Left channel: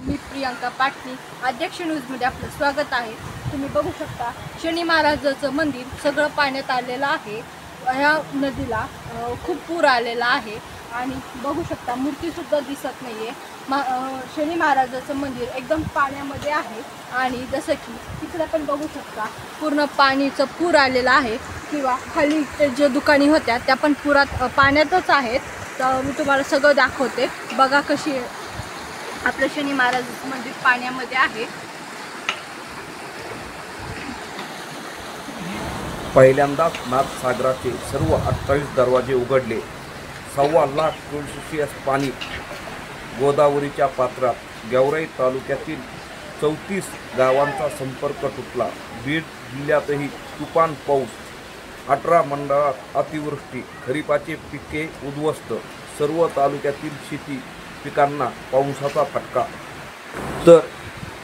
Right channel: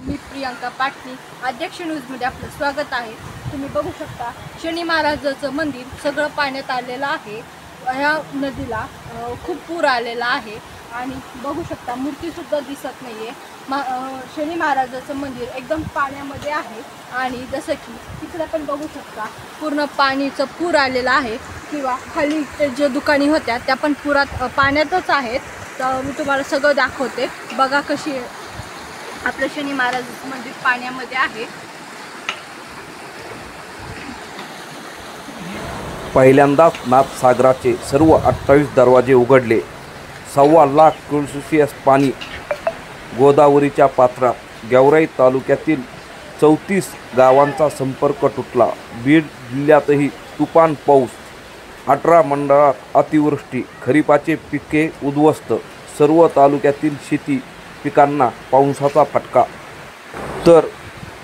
मी प्रियांका पाटणी, अध्यक्ष न्यूजमध्ये आपलं स्वागत आहे। तुम्ही बघू शकता शनी महाराजाचं मंदिर सगळं पाण्यात आलेलं आहे। ह्या नदीला खूप पूर आलेला आहे आणि बघू शकता मूर्तीसुद्धा दिसत नाहीये। शनी महाराजाचं मंदिर एकदम पाण्यामध्ये आहे आणि जसं की तिकडे पण बघू शकता पूर्ण पाणीचं पूर आलेला आहे किंवा खाली जे दुकाने होत्या त्या पण पुरात पाण्यातच आहेत। तर मी तुम्हाला सगळं दाखवते, बघा कशी आपलं शनी महाराजाचं मंदिर पाण्यामध्ये आहे। पहिल्यांदाच नाथसागराचे सर्व 28 दरवाजे उघडले। 1.25 लाख क्युसेक्स पाणी गोदावरीच्या पात्रात। गेवराई तालुक्यातील 34 गावांचा संपर्क तुटला। बीड जिल्ह्यातही तुफान पाऊस। 18 मंडळात अतिवृष्टी। खरीपाचे पिके उद्ध्वस्त। सर्व तालुक्यातील शेती पिकांना पावसाचा फटका। तर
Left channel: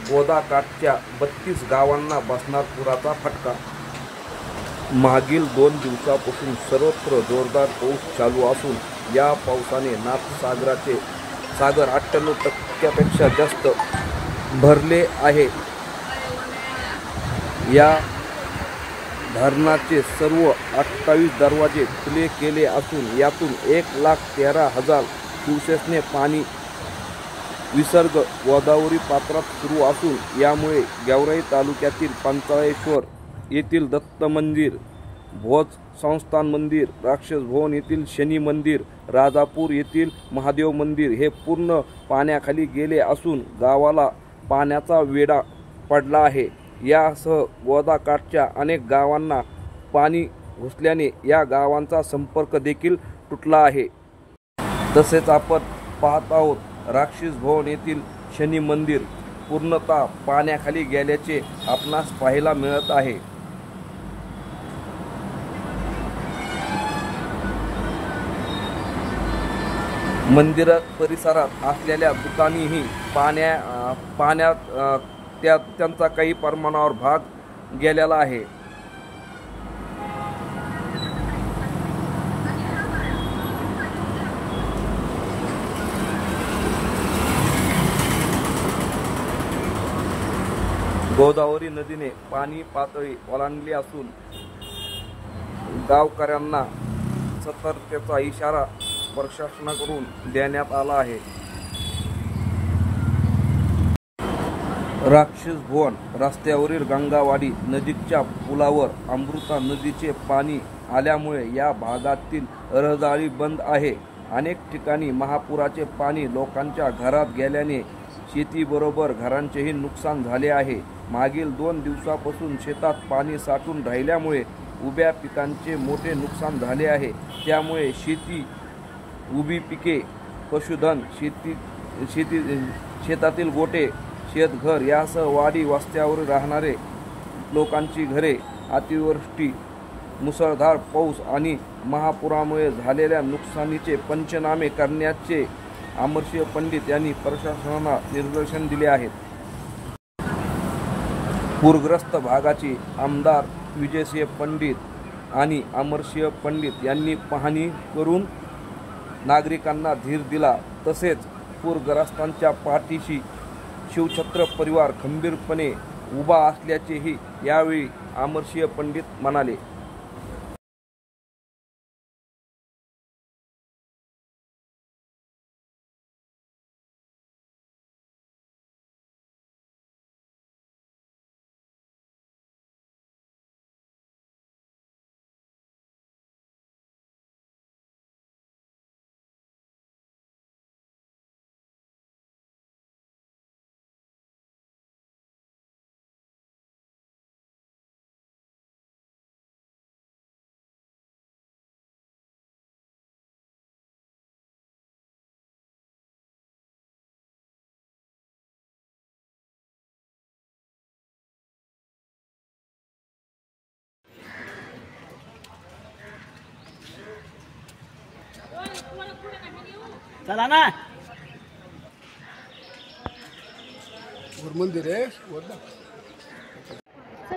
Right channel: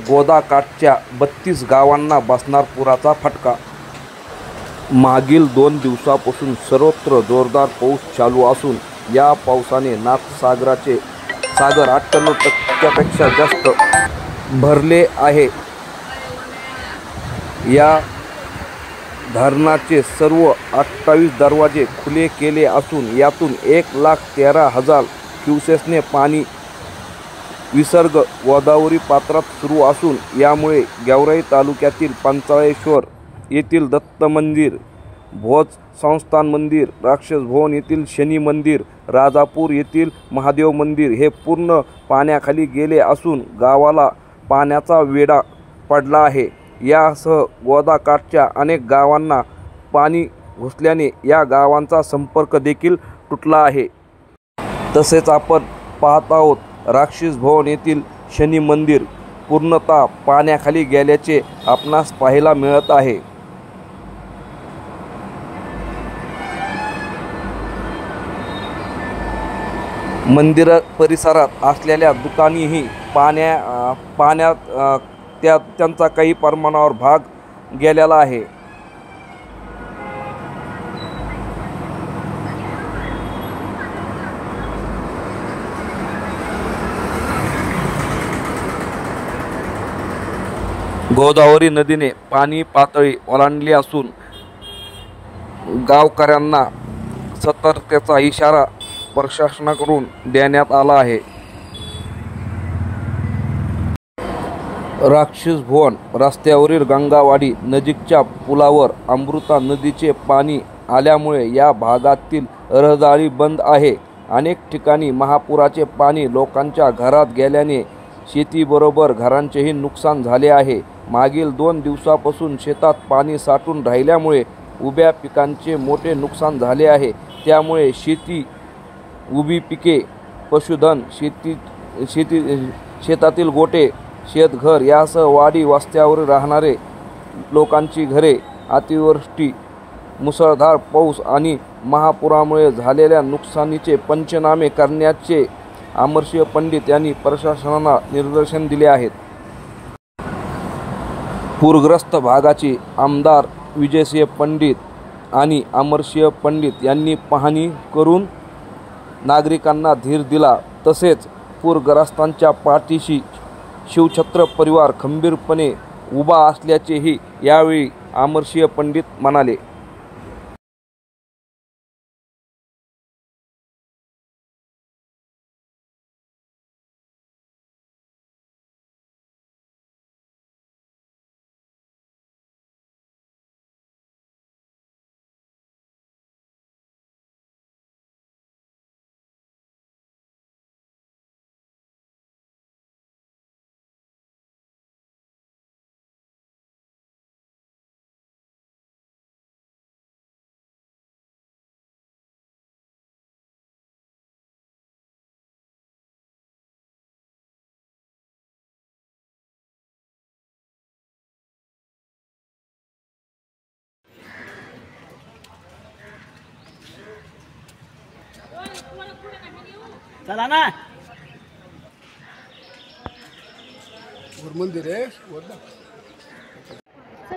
गोदाकाठच्या 32 गावांना बसणार पुराचा फटका। मागील 2 दिवसापासून सर्वत्र जोरदार पाऊस चालू असून या पावसाने नाथसागराचे सागर 98% जास्त भरले आहे। या धरणाचे सर्व 28 दरवाजे खुले केले असून यातून 1,13,000 क्युसेक्सने पाणी विसर्ग गोदावरी पात्रात सुरू असून यामुळे गेवराई तालुक्यातील पंचाळेश्वर येथील दत्त मंदिर, भोज संस्थान मंदिर, राक्षस भवन येथील शनी मंदिर, राजापूर येथील महादेव मंदिर हे पूर्ण पाण्याखाली गेले असून गावाला पाण्याचा वेढा पडला आहे। यासह गोदाकाठच्या अनेक गावांना पाणी घुसल्याने या गावांचा संपर्क देखील तुटला आहे। तसेच आपण पाहत आहोत राक्षस भवन येथील शनी मंदिर पूर्णतः पाण्याखाली गेल्याचे आपणास पाहायला मिळत आहे। मंदिर परिसरात असलेल्या दुकानेही पाण्यात त्यांचा काही प्रमाणावर भाग गेलेला आहे। गोदावरी नदीने पाणी पातळी ओलांडली असून गावकऱ्यांना सतर्कतेचा इशारा प्रशासनाकडून देण्यात आला आहे। राक्षस भवन रस्त्यावरील गंगावाडी नजीकच्या पुलावर अमृता नदीचे पाणी आल्यामुळे या भागातील रहदारी बंद आहे। अनेक ठिकाणी महापुराचे पाणी लोकांच्या घरात गेल्याने शेतीबरोबर घरांचेही नुकसान झाले आहे। मागील 2 दिवसापासून शेतात पाणी साठून राहिल्यामुळे उभ्या पिकांचे मोठे नुकसान झाले आहे। त्यामुळे शेती, उभी पिके, पशुधन, शेतातील गोटे, शेतघर यासह वाडी वस्त्यावर राहणारे लोकांची घरे अतिवृष्टी, मुसळधार पाऊस आणि महापुरामुळे झालेल्या नुकसानीचे पंचनामे करण्याचे अमरसिंह पंडित यांनी प्रशासनाला निर्देशन दिले आहेत। पूरग्रस्त भागाची आमदार विजयसिंह पंडित आणि अमरसिंह पंडित यांनी पाहणी करून नागरिकांना धीर दिला। तसेच पूरग्रस्तांच्या पाठीशी शिवछत्र परिवार खंबीरपणे उभा असल्याचेही यावेळी अमरसिंह पंडित म्हणाले। चला ना मंदिर है चल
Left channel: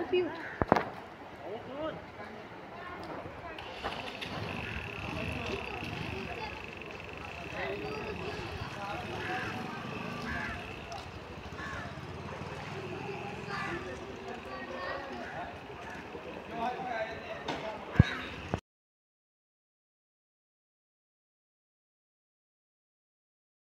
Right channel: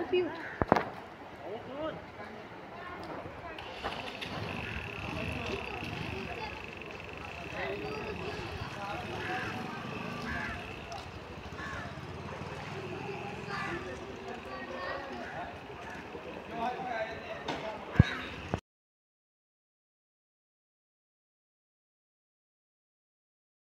पिऊ।